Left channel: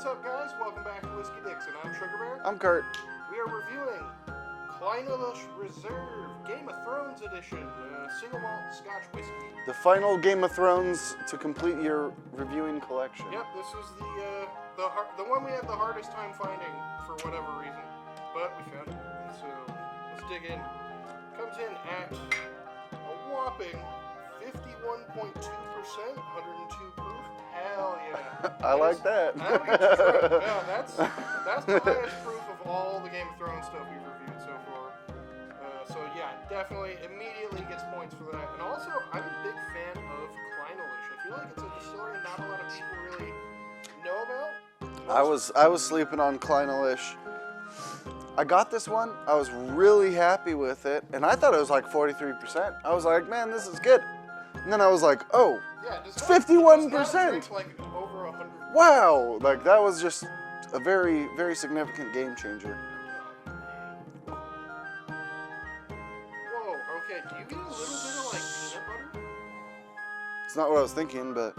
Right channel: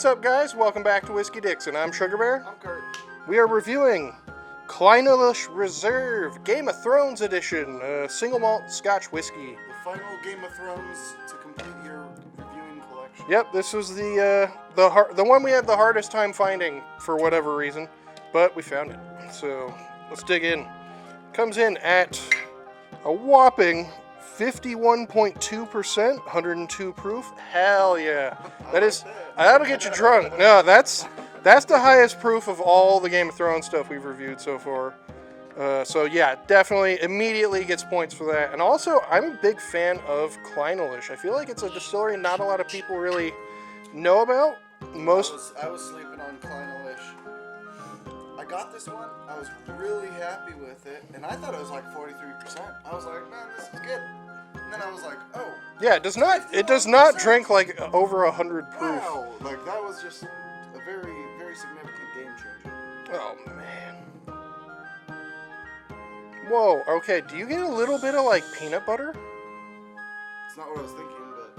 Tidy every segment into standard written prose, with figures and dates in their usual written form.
What's up, guys? Welcome back to Whiskey Dixon. I'm Sugarbear. I'm Curt. We are reviewing Clynelish Reserve Game of Thrones Edition, single malt Scotch whiskey. The final Game of Thrones to complete your reviewing collection. Yep, this was the one we had the hardest time finding for whatever reason, but we found it. So let's dig in. Comes in at a whopping 51.2%, 102 proof. Hell yeah! That'll get you drunk. No, that's the highest proof of all the Game of Thrones stuff we've reviewed so far. So yeah, definitely immediately gets points for that. And also, I'm a big fan of Clynelish. I feel like it's a distillery not a lot of people really know about. I was sleeping on Clynelish. I got this one. I was really happy with it, and I thought it was like 43%. I was like, man, this is good. And then I was like, oh, yeah, it does not 51%. Drink like over 100 proof. Wow, like that was just a very, very significant game changer. Oh man. Whoa, okay, do you get a little bit of like peanut butter? It's not what I was thinking, but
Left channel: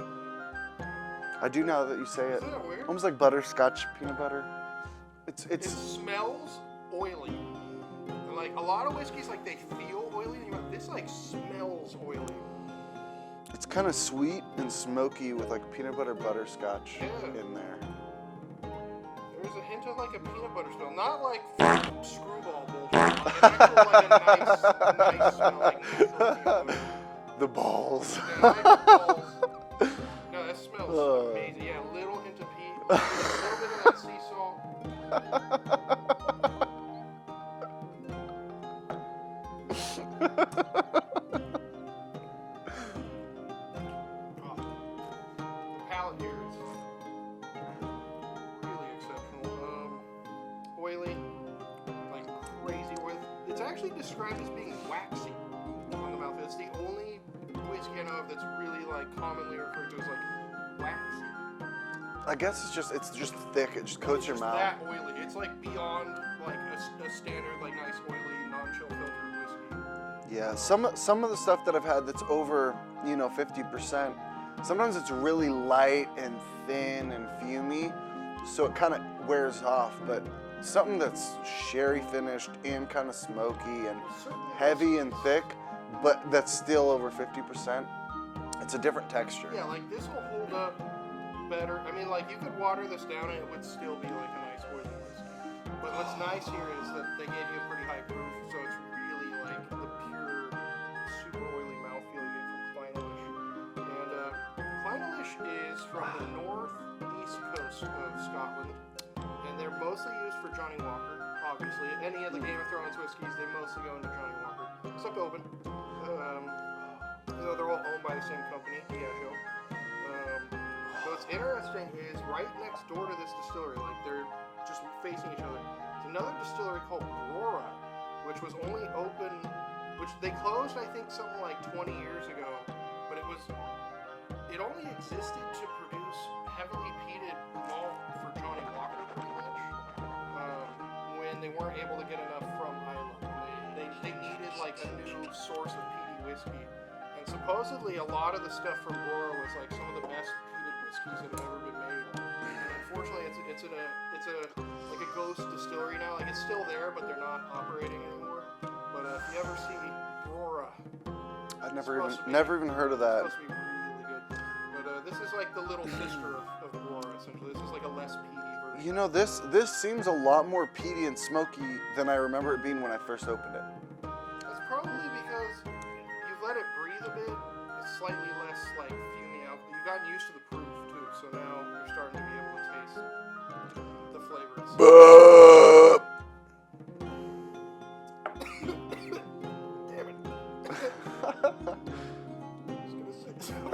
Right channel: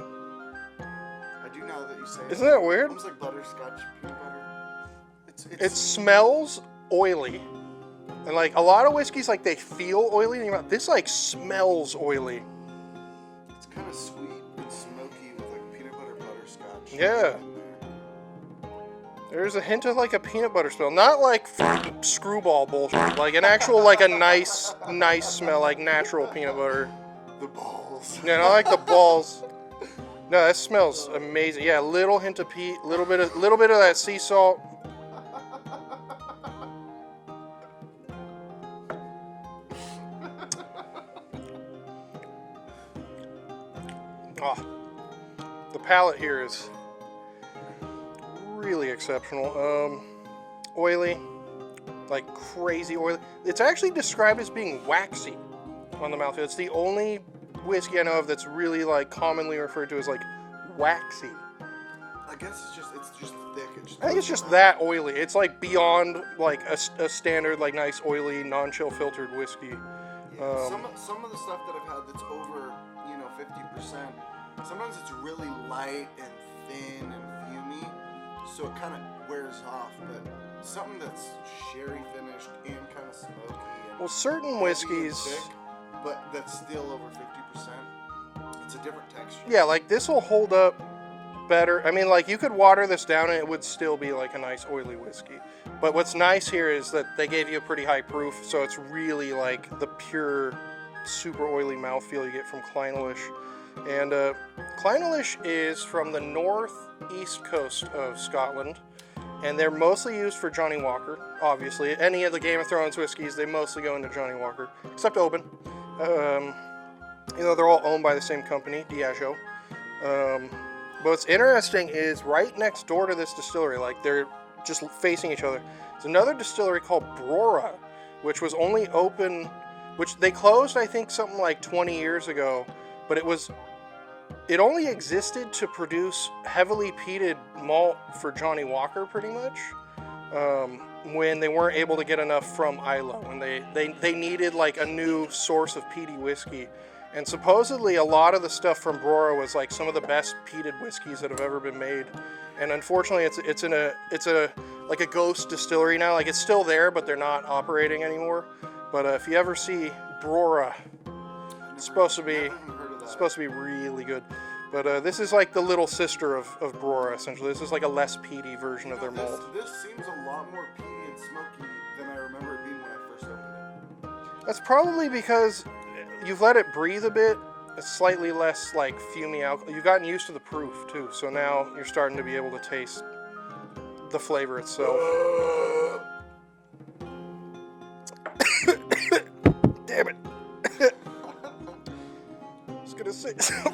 I do now that you say it. Isn't that weird? Almost like butterscotch peanut butter. It smells oily. And like a lot of whiskeys, like they feel oily in your mouth. This like smells oily. It's kind of sweet and smoky with like peanut butter butterscotch. Yeah. In there. There's a hint of like a peanut butter smell, not like screwball bullshit. Like an actual like a nice smell, like natural peanut butter. The balls. Yeah, not like the balls. No, that smells amazing. Yeah, a little hint of peat, little bit of that sea salt. Oh, the palate here is really exceptional. Oily, like crazy oily. It's actually described as being waxy on the mouthfeel. It's the only whiskey I know of that's really like commonly referred to as like waxy. I guess it's just thick. I think it's just that oily. It's like beyond like a standard like nice oily non-chill filtered whiskey. Yeah, some of the stuff that I've had that's over 50%. Sometimes it's really light and thin and fumy, so it kind of wears off. But something that's sherry finished and kind of smoky and certain heavy whiskeys and thick, but that's still over 50%. It's a different texture. Yeah, like this will hold up better. I mean, like you could water this down and it would still be like a nice oily whiskey. But what's nice here is that they gave you a pretty high proof, so it's really like the pure, super oily mouthfeel you get from Clynelish. And Clynelish is from the northeast coast of Scotland, and they're mostly used for Johnny Walker, obviously. Any of the Game of Thrones whiskeys, they mostly go into Johnny Walker, except Oban. They're all owned by the same company, Diageo. But what's interesting is right next door to this distillery, like they're just facing each other, there's another distillery called Brora, which was only open, which they closed, I think, something like 20 years ago, but it only existed to produce heavily peated malt for Johnny Walker, pretty much, when they weren't able to get enough from Islay, and they needed like a new source of peaty whiskey. And supposedly a lot of the stuff from Brora was like some of the best peated whiskeys that have ever been made. And unfortunately it's a like a ghost distillery now. Like it's still there, but they're not operating anymore. But if you ever see Brora, Never even heard of that. It's supposed to be really good. But this is like the little sister of Brora, essentially. This is like a less peaty version of their malt. This seems a lot more peaty and smoky than I remember it being when I first opened it. That's probably because you've let it breathe a bit. It's slightly less like fumy alcohol. You've gotten used to the proof too, so now you're starting to be able to taste the flavor itself. Damn it. I was gonna say something.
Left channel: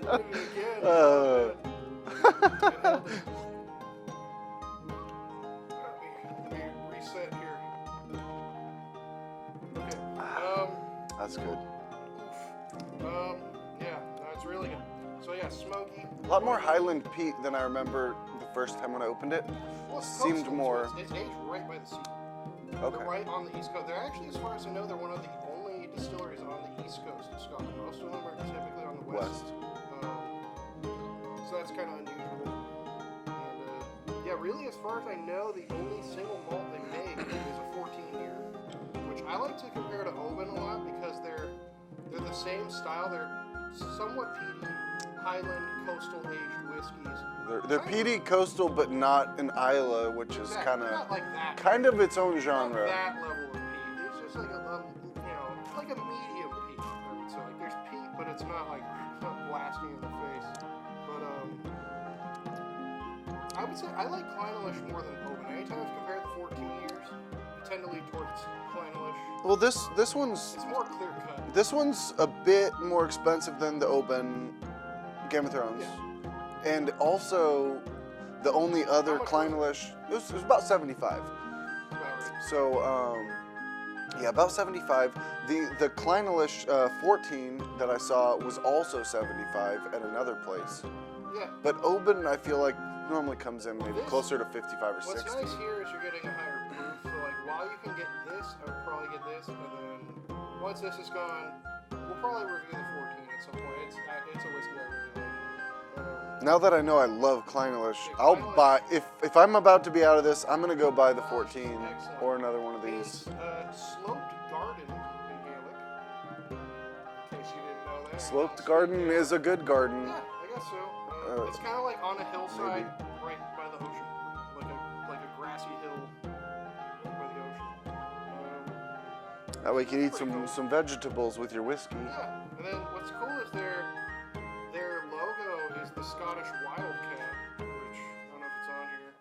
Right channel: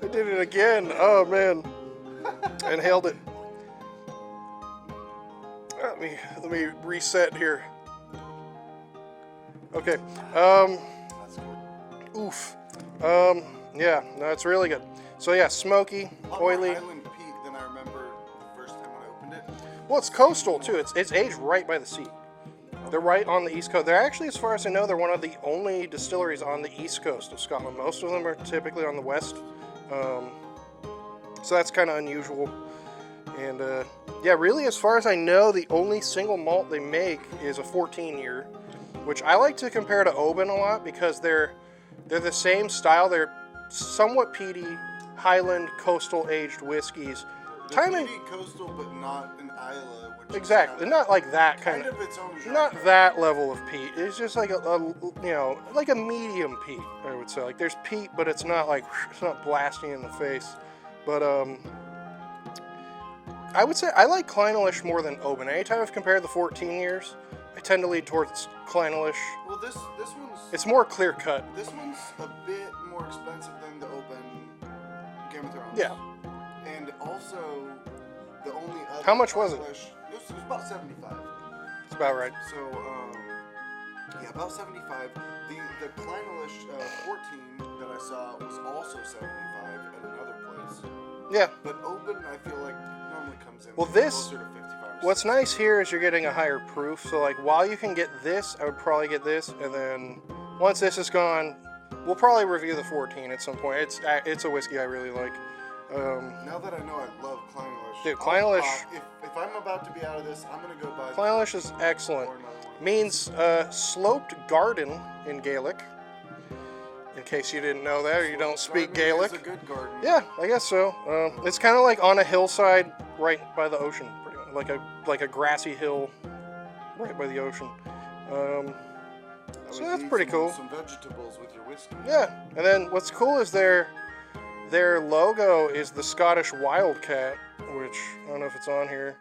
I did it again. Oh man. Inhaled it. Let me reset here. Okay. That's good. Oof. Yeah, no, it's really good. So yeah, smoky, a lot oily. more Highland peat than I remember the first time when I opened it. Well, it's coastal too. It's aged right by the sea. Okay. They're right on the east coast. They're actually, as far as I know, they're one of the only distilleries on the east coast of Scotland. Most of them are typically on the west. So that's kind of unusual. And yeah, really, as far as I know, the only single malt they make is a 14-year, which I like to compare to Oban a lot because they're the same style. They're somewhat peaty, Highland coastal aged whiskeys. They're peaty coastal, but not an Isla, which exactly. is they're not like that kind of its own genre. Not that level of peat. It's just like a you know, like a medium peat, I would say. Like there's peat, but it's not like it's not blasting in the face. But I would say I like Clynelish more than Oban. Anytime I've compared the 14 years, I tend to lead towards Clynelish. Well, this one's... It's more clear cut. This one's a bit more expensive than the Oban Game of Thrones. Yeah. And also, the only other How much Clynelish... was it was about 75. It's about right. So, yeah, about 75. The Clynelish 14 that I saw was also 75 at another place. Yeah. But Oban, I feel like, normally comes in closer to 55 or 60. What's nice here is you're getting a higher proof. So, like, while you can get this, I would probably get this. And then once this is gone, we'll probably review the 14 at some point. It's a whiskey I really like. Now that I know I love Clynelish, Dude, I'll buy, if I'm about to be out of this, I'm going to go buy the Clynelish 14 is excellent. or another one of Means sloped garden in Gaelic. In case you didn't know that, or you don't speak Gaelic. Is a good garden. Yeah, I guess so. It's kind of like on a hillside right by the ocean, pretty much. Like a grassy hill right by the ocean. That way so you that's eat some vegetables with your whiskey. Yeah, and then what's cool is their logo is the Scottish wildcat, which I don't know if it's on here.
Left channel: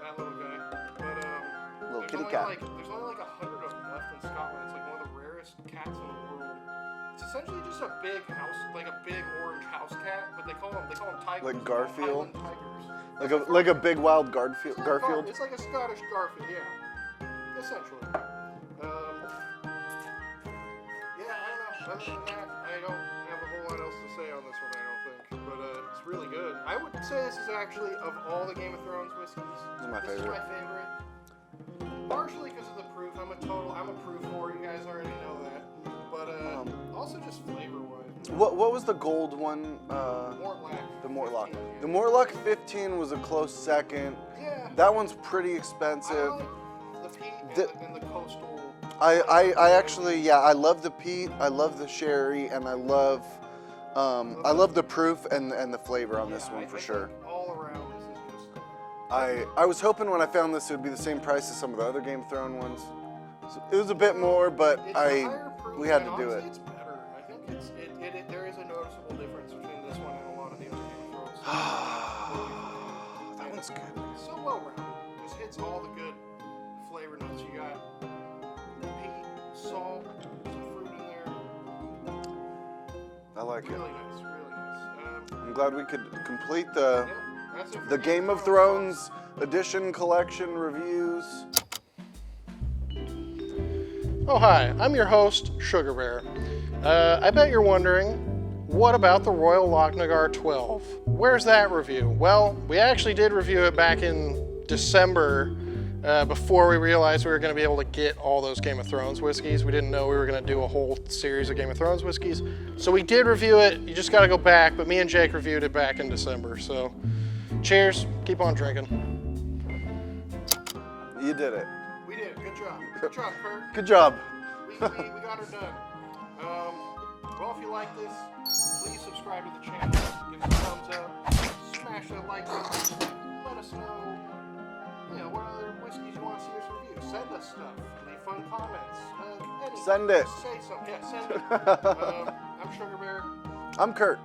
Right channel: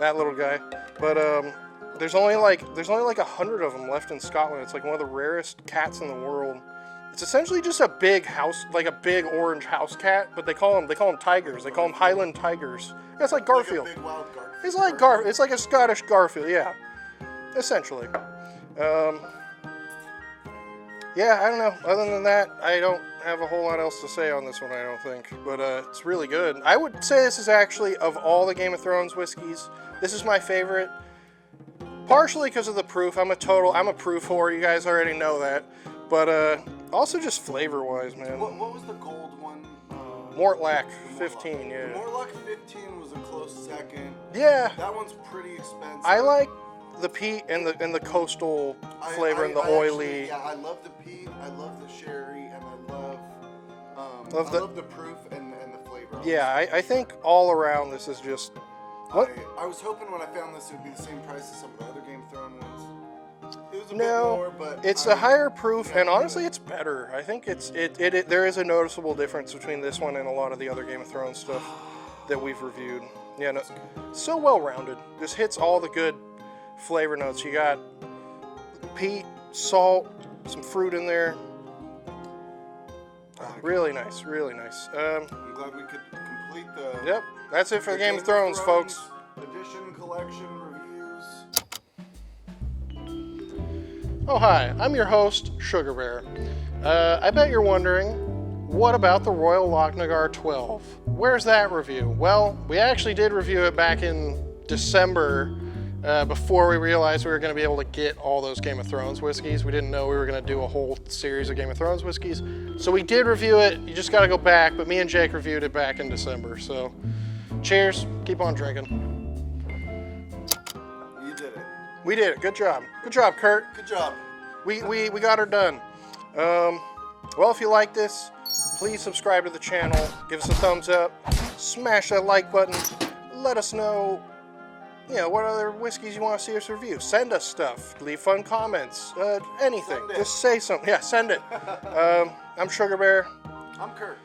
That little guy, but there's only like 100 of them left in Scotland. It's like one of the rarest cats in the world. It's essentially just a big house, like a big orange house cat, but they call them tigers. Like they call them Highland tigers. Yeah, it's like Garfield. Like a big wild Garfield. It's like It's like a Scottish Garfield, yeah, essentially. Yeah, I don't know. Other than that, I don't have a whole lot else to say on this one, I don't think. But it's really good. I would say this is actually, of all the Game of Thrones whiskeys, this is my favorite. Partially because of the proof. I'm a proof whore. You guys already know that. But also just flavor-wise, man. What was the gold one? Mortlach 15, yeah. The Mortlach 15 was a close second. Yeah. That one's pretty expensive. I like the peat and the coastal flavor. I love the peat. I love the sherry, and I love the proof and the flavor. On yeah, this one, I think all around this is just. I was hoping when I found this it would be the same price as some of the other Game of Thrones ones. It was a bit more, but it's a higher proof, and honestly, it's better. I think there is a noticeable difference between this one and a lot of the other Game of Thrones stuff that we've reviewed. Yeah, no, so well-rounded. This hits all the good flavor notes. You got peat, salt, some fruit in there. I like really nice, really nice. I'm glad we could complete the. Yep, that's it for the Game of Thrones, folks. Edition collection reviews. Oh hi, I'm your host, Sugarbear. I bet you're wondering, what about the Royal Lochnagar 12? Where's that review? Well, we actually did review it back in December, before we realized we were going to be able to get all those Game of Thrones whiskeys. We didn't know we were going to do a whole series of Game of Thrones whiskeys. So we did review it. You just got to go back, but me and Jake reviewed it back in December. So cheers, keep on drinking. You did it. We did it. Good job. Good job, Curt. Good job. We got her done. Well, if you like this, please subscribe to the channel. Give us a thumbs up. Smash that like button. Let us know, what other whiskeys you want to see us review. Send us stuff. Leave fun comments. Anything. Send it. Just say something. Yeah, send it. I'm Sugarbear. I'm Curt.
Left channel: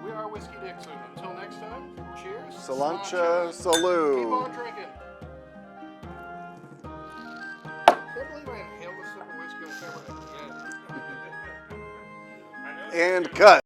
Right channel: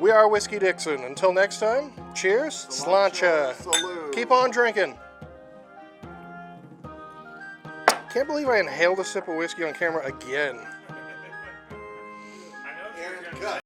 We are Whiskey Dixon. Until next time, cheers. Sláinte. Salud. Keep on drinking. Can't believe I inhaled a sip of whiskey on camera again. And cut.